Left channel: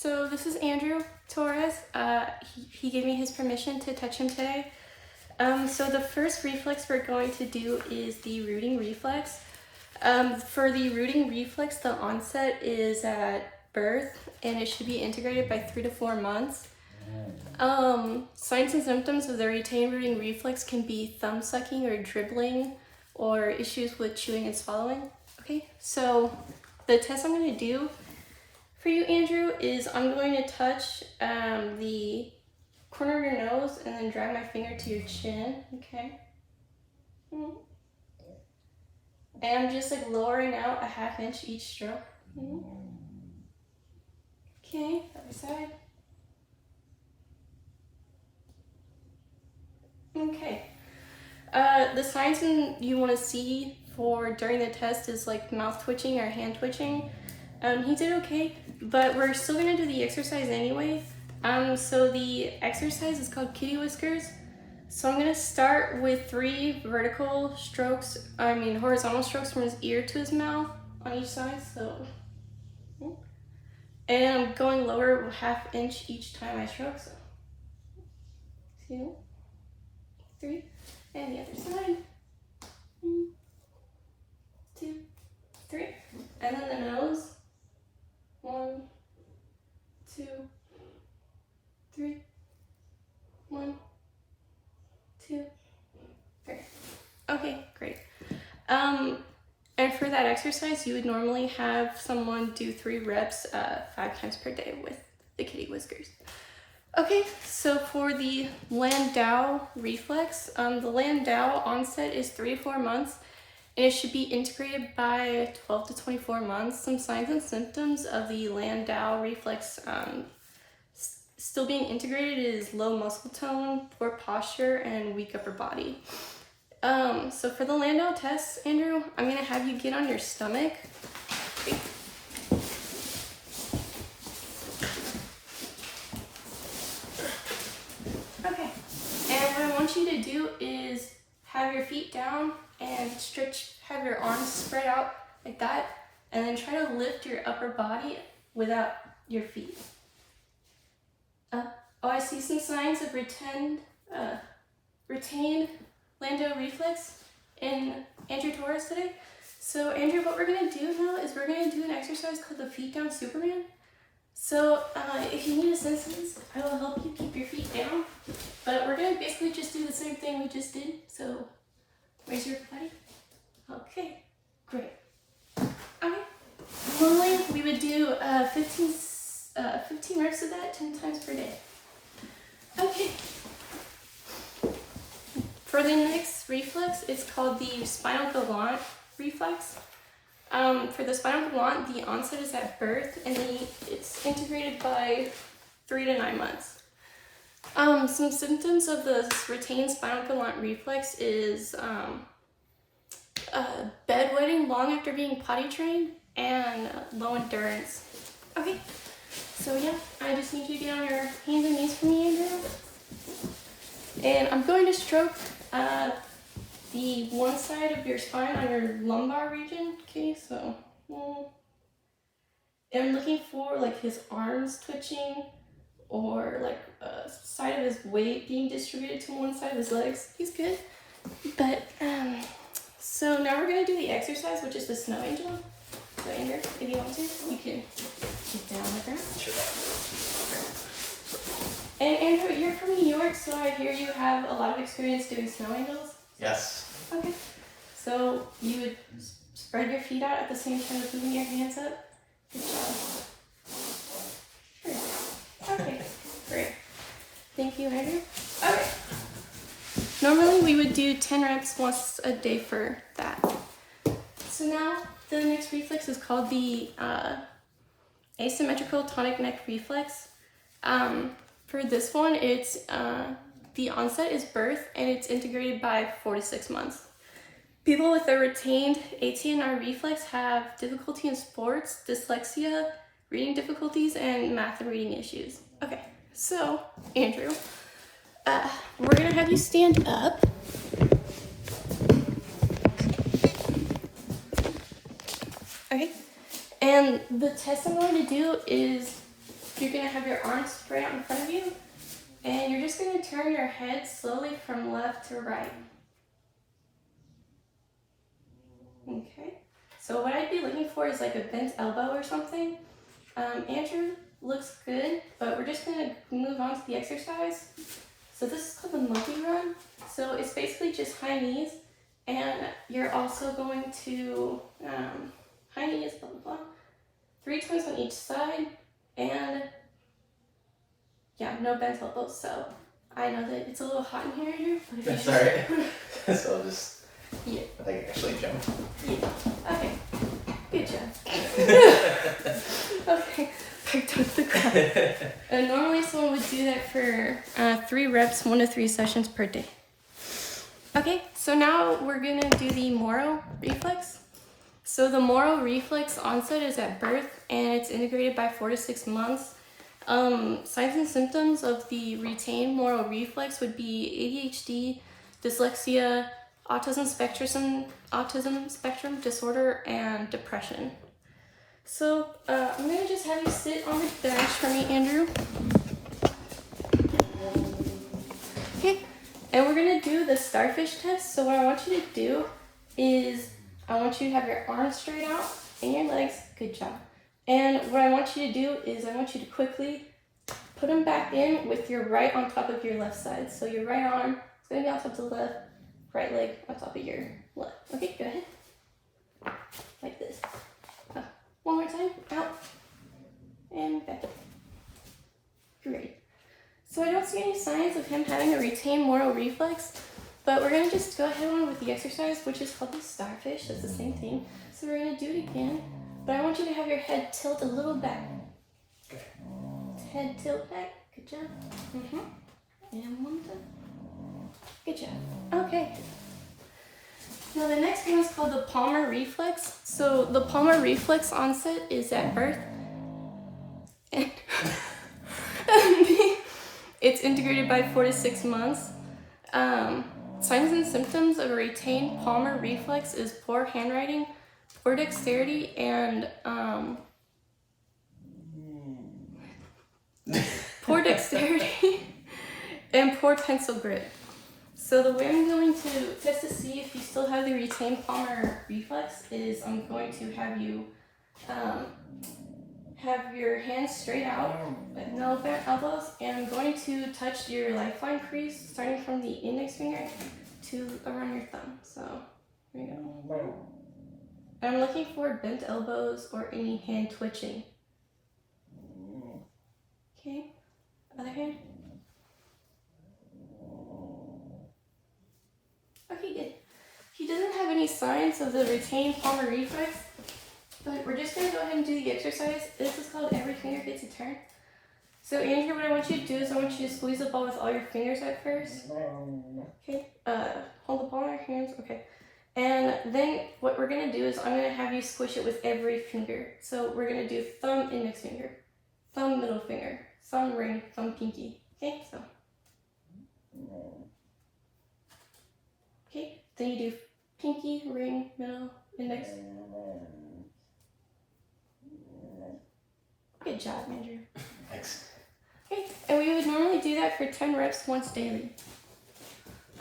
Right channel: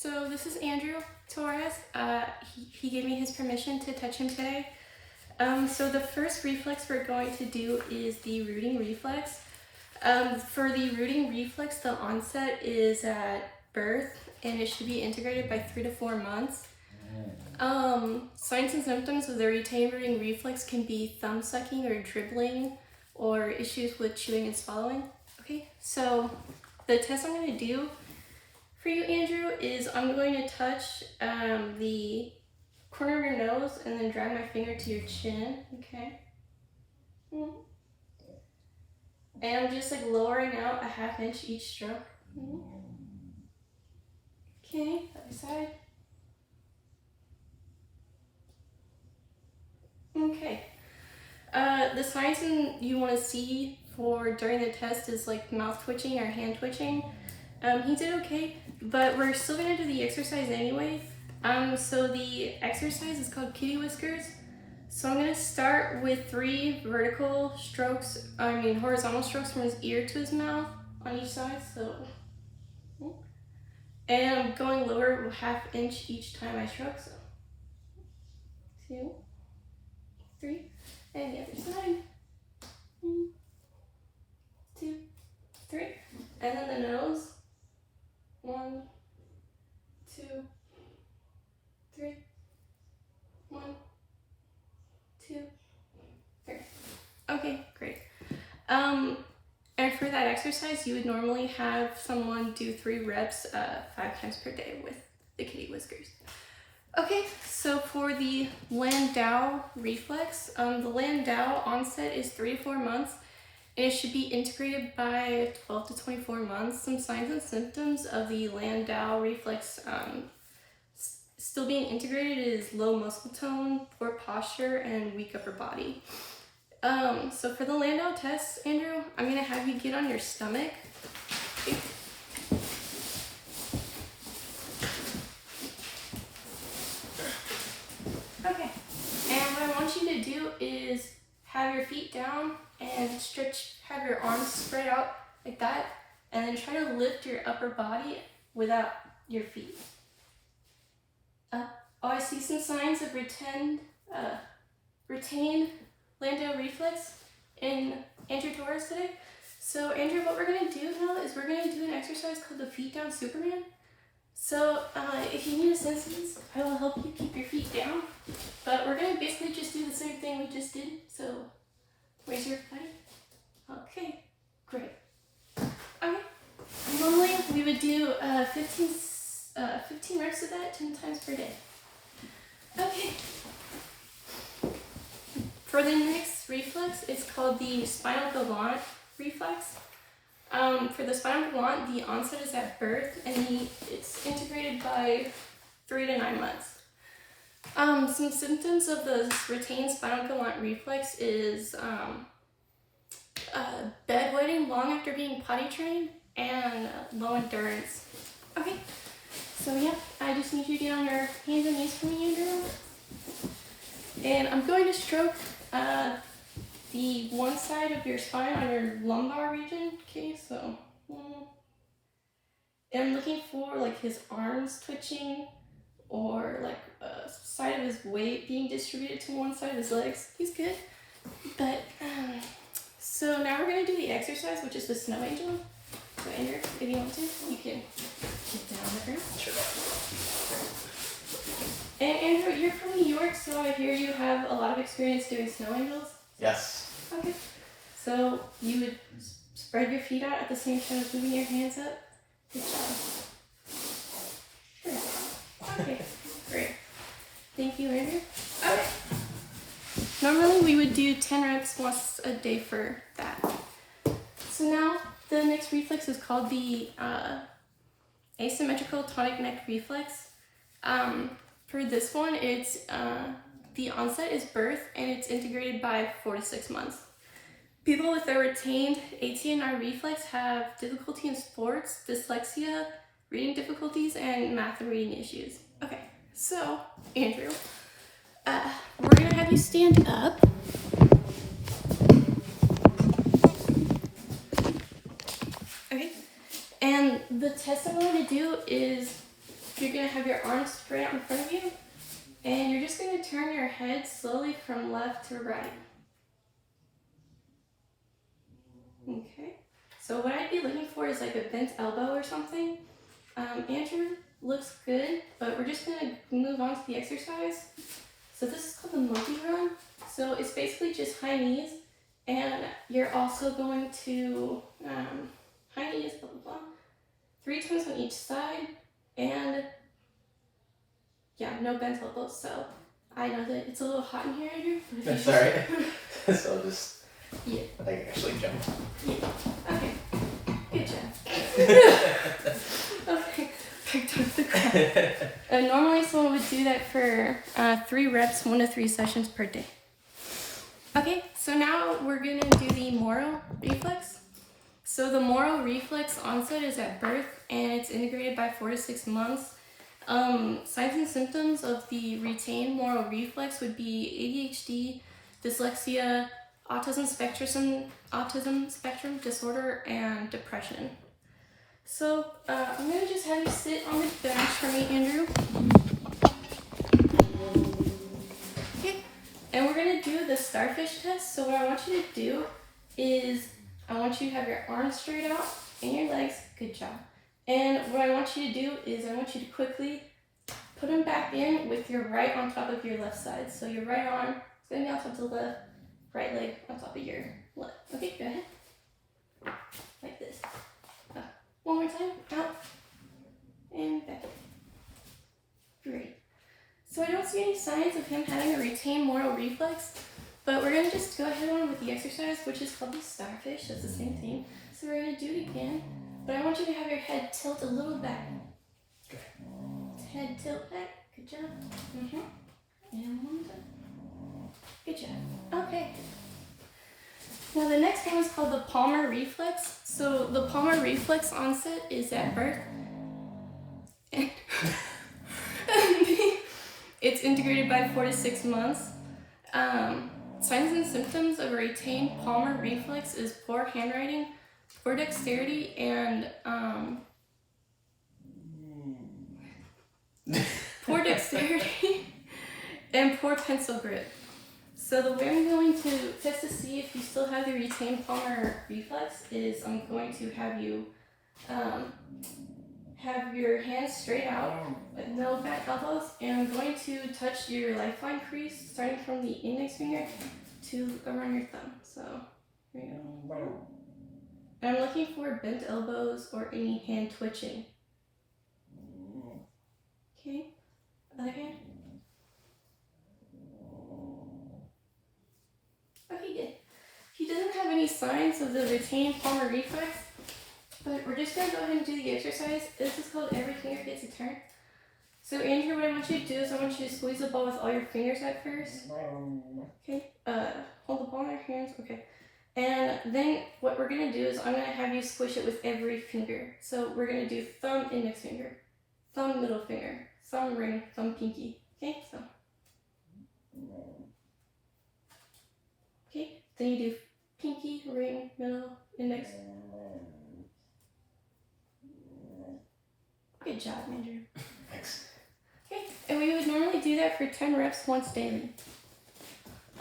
So this is Andrew Torres. He gave me his permission to touch him today. So the first reflex we're going to do is the rooting reflex. For the rooting reflex, the onset is at birth and it should be integrated by 3 to 4 months. Signs and symptoms of the retained rooting reflex can be thumb sucking or dribbling or issues with chewing and swallowing. Okay, so the test I'm going to do for you, Andrew, is I'm going to touch the corner of your nose and then drag my finger to your chin, okay? And I'm just like lowering out a 1/2 inch each stroke. Okay, other side. Okay. The signs you want to see for during the test is like mouth twitching or hand twitching. He did okay, but we're still gonna do the exercise anyway. So the exercise is called kitty whiskers. So I'm gonna start with 3 horizontal strokes from his ear to his mouth on each side. So, and I'm going lower 1/2 inch each time I stroke. So 2, 3, and the other side. 1, 2, 3, and then the nose. 1, 2, 3. 1, 2, 3. Okay, great. And for that exercise, you would normally have someone do 3 reps 5 times per day with the kitty whiskers. Okay, so for the Landau reflex, the Landau onset is 3 to 4 months, and it should be integrated by 12 to 24 months. Some signs and symptoms of the Landau reflex still being integrated is low muscle tone, poor posture, and weak upper body. So for the Landau test, Andrew, I'm gonna have you get on your stomach. Okay, and what I want you to do is have your feet down and have your arms spread out like that, and then try to lift your upper body without your feet. Oh, I see some signs of retained Landau reflex in Andrew Torres today. So Andrew, what we're gonna do now is we're gonna do an exercise called the feet down Superman. So if you need assistance, I will help you keep your feet down. But we're gonna basically just do the same thing we just did. So raise your body. Okay, great. Okay, normally we would do 15 reps of that 10 times per day. Okay. For the next reflex, it's called the spinal galant reflex. For the spinal galant, the onset is at birth, and it's integrated by 3 to 9 months. Some symptoms of the retained spinal galant reflex is bedwetting long after being potty trained and low endurance. Okay, so yeah, I just need you to get on your hands and knees for me, Andrew. And I'm going to stroke the one side of your spine on your lumbar region. Okay, so I'm looking for like his arms twitching or like side of his weight being distributed to one side of his legs. He's good. But so now we're gonna do the exercise, which is the snow angel. So Andrew, if you want to, you can get down on the ground. Sure. And Andrew, you're from New York, so I hear you have a lot of experience doing snow angels. Yes. Okay. So you would spread your feet out at the same time as moving your hands up. Good job. Sure. Okay, great. Thank you, Andrew. Okay. Normally we would do 10 reps once a day for that. So now the next reflex is called the asymmetrical tonic neck reflex. For this one, it's the onset is birth and it's integrated by 4 to 6 months. People with a retained ATNR reflex have difficulty in sports, dyslexia, reading difficulties, and math and reading issues. Okay, so Andrew, we're gonna have you stand up. Okay, and the test I'm going to do is you're gonna have your arms spread out in front of you, and you're just gonna turn your head slowly from left to right. Okay, so what I'd be looking for is like a bent elbow or something. Andrew looks good, but we're just gonna move on to the exercise. So this is called the monkey run. So it's basically just high knees, and you're also going to high knees, blah blah blah, 3 times on each side, and yeah, no bent elbows. So I know that it's a little hot in here, Andrew. That's alright. So I'll just actually jump. Yeah. Okay. Good job. Okay. Back to the ground. Normally someone would do that for 3 reps, 1 to 3 sessions per day. Okay, so now we're gonna do the Moro reflex. So the Moro reflex onset is at birth, and it's integrated by 4 to 6 months. Signs and symptoms of the retained Moro reflex would be ADHD, dyslexia, autism spectrum disorder, and depression. So I'm gonna just have you sit on the bench for me, Andrew. Okay, and we're gonna do the starfish test. So what I want you to do is I want you to have your arms straight out and your legs. Good job. And what I want you to do is I want you to quickly put them back in with your right on top of your left side. So your right arm is gonna be on top of the left, right leg on top of your left. Okay, go ahead. Like this. One more time. Out. And back. Great. So I don't see any signs of him having a retained Moro reflex, but we're going to just go ahead on with the exercise, which is called the starfish. That's the same thing. So we're going to do it again, but I want you to have your head tilt a little back. Okay. Head tilt back. Good job. And one more time. Good job. Okay. Now the next one is called the Palmar reflex. So the Palmar reflex onset is at birth. And it's integrated by 4 to 6 months. Signs and symptoms of a retained Palmar reflex is poor handwriting, poor dexterity, and poor pencil grip. So the way I'm going to test to see if you still have the retained Palmar reflex is I'm going to have you have your hands straight out with no bent elbows, and I'm going to touch your lifeline crease starting from the index finger to around your thumb. So here we go. And I'm looking for bent elbows or any hand twitching. Okay, other hand. Okay, good. He doesn't have any signs of the retained Palmar reflex, but we're just going to go ahead and do the exercise. This is called every finger gets a turn. So Andrew, what I want you to do is I want you to squeeze the ball with all your fingers at first. Okay, hold the ball in your hands, okay. And then what we're going to do is I'm going to have you squish it with every finger. So we're going to do thumb, index finger, thumb, middle finger, thumb, ring, thumb, pinky. Okay, so. Okay, then you do pinky, ring, middle, index. Good job, Andrew. Thanks. Okay, and we would normally do that for 10 reps once daily.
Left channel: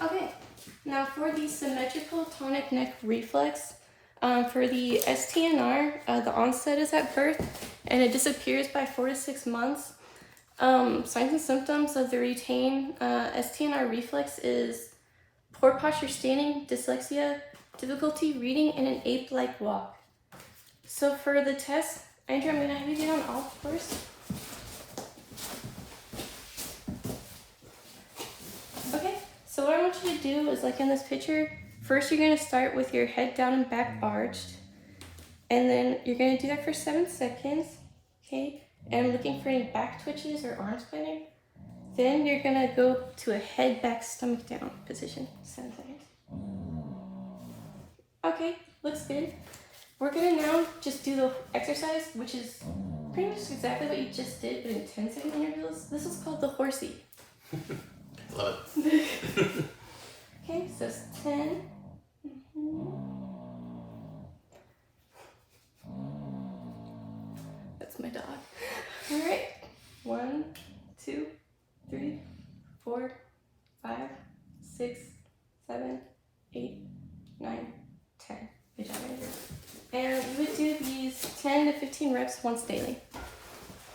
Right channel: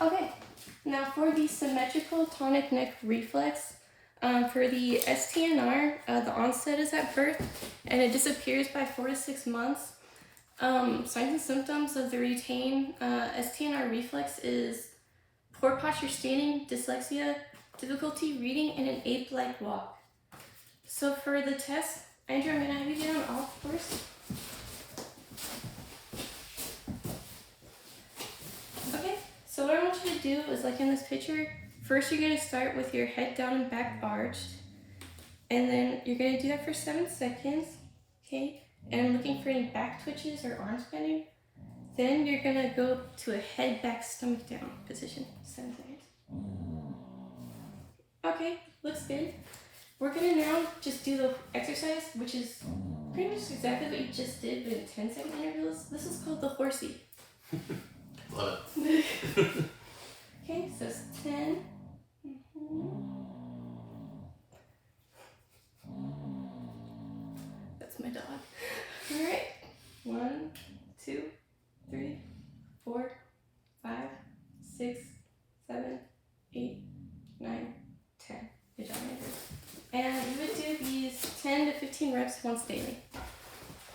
Okay, now for the symmetrical tonic neck reflex, for the STNR, the onset is at birth and it disappears by 4 to 6 months. Signs and symptoms of the retained STNR reflex is poor posture standing, dyslexia, difficulty reading, and an ape-like walk. So for the test, Andrew, I'm going to have you get on off first. Okay, so what I want you to do is like in this picture, first you're going to start with your head down and back arched, and then you're going to do that for 7 seconds, okay? And I'm looking for any back twitches or arms bending. Then you're going to go to a head back stomach down position, 7 seconds. Okay, looks good. We're going to now just do the exercise, which is pretty much exactly what you just did, but in 10-second intervals. This is called the horsey. Love it. Okay, so it's 10. That's my dog. All right. And we would do these 10 to 15 reps once daily.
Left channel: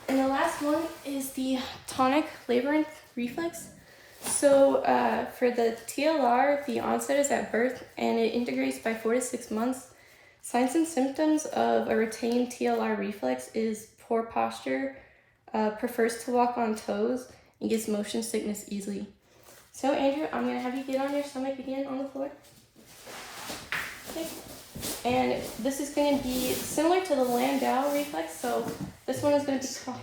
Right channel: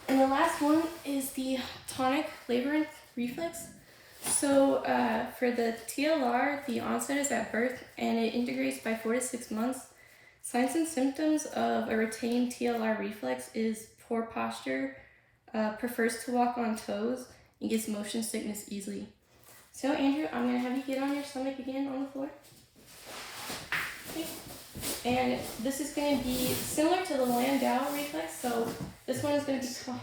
And the last one is the tonic labyrinth reflex. So for the TLR, the onset is at birth and it integrates by 4 to 6 months. Signs and symptoms of a retained TLR reflex is poor posture, prefers to walk on toes, and gets motion sickness easily. So Andrew, I'm going to have you get on your stomach again on the floor. Okay. And this is going to be similar to the Landau reflex, so this one is going to be called...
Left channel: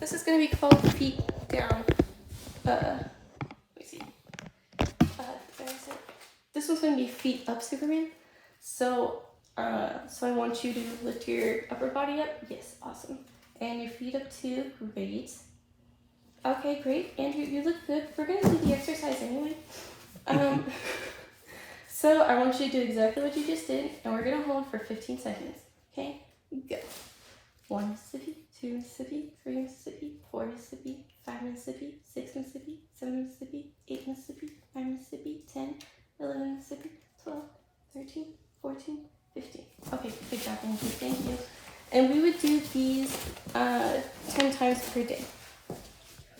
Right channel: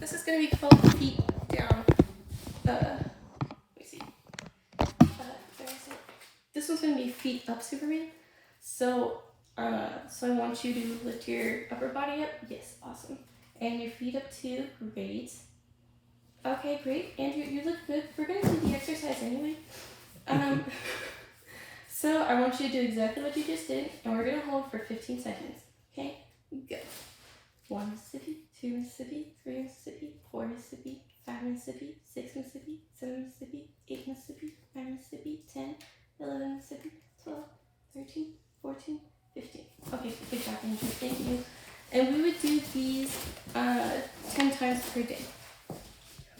This is going to be called feet down. Let me see. This one's going to be feet up Superman. So I want you to lift your upper body up. Yes, awesome. And your feet up too. Great. Okay, great. Andrew, you look good. We're going to do the exercise anyway. So I want you to do exactly what you just did, and we're going to hold for 15 seconds. Okay? Go. 1 Mississippi, 2 Mississippi, 3 Mississippi, 4 Mississippi, 5 Mississippi, 6 Mississippi, 7 Mississippi, 8 Mississippi, 9 Mississippi, 10, 11 Mississippi, 12, 13, 14, 15. Okay, good job, Andrew. Thank you. And we would do these 10 times per day.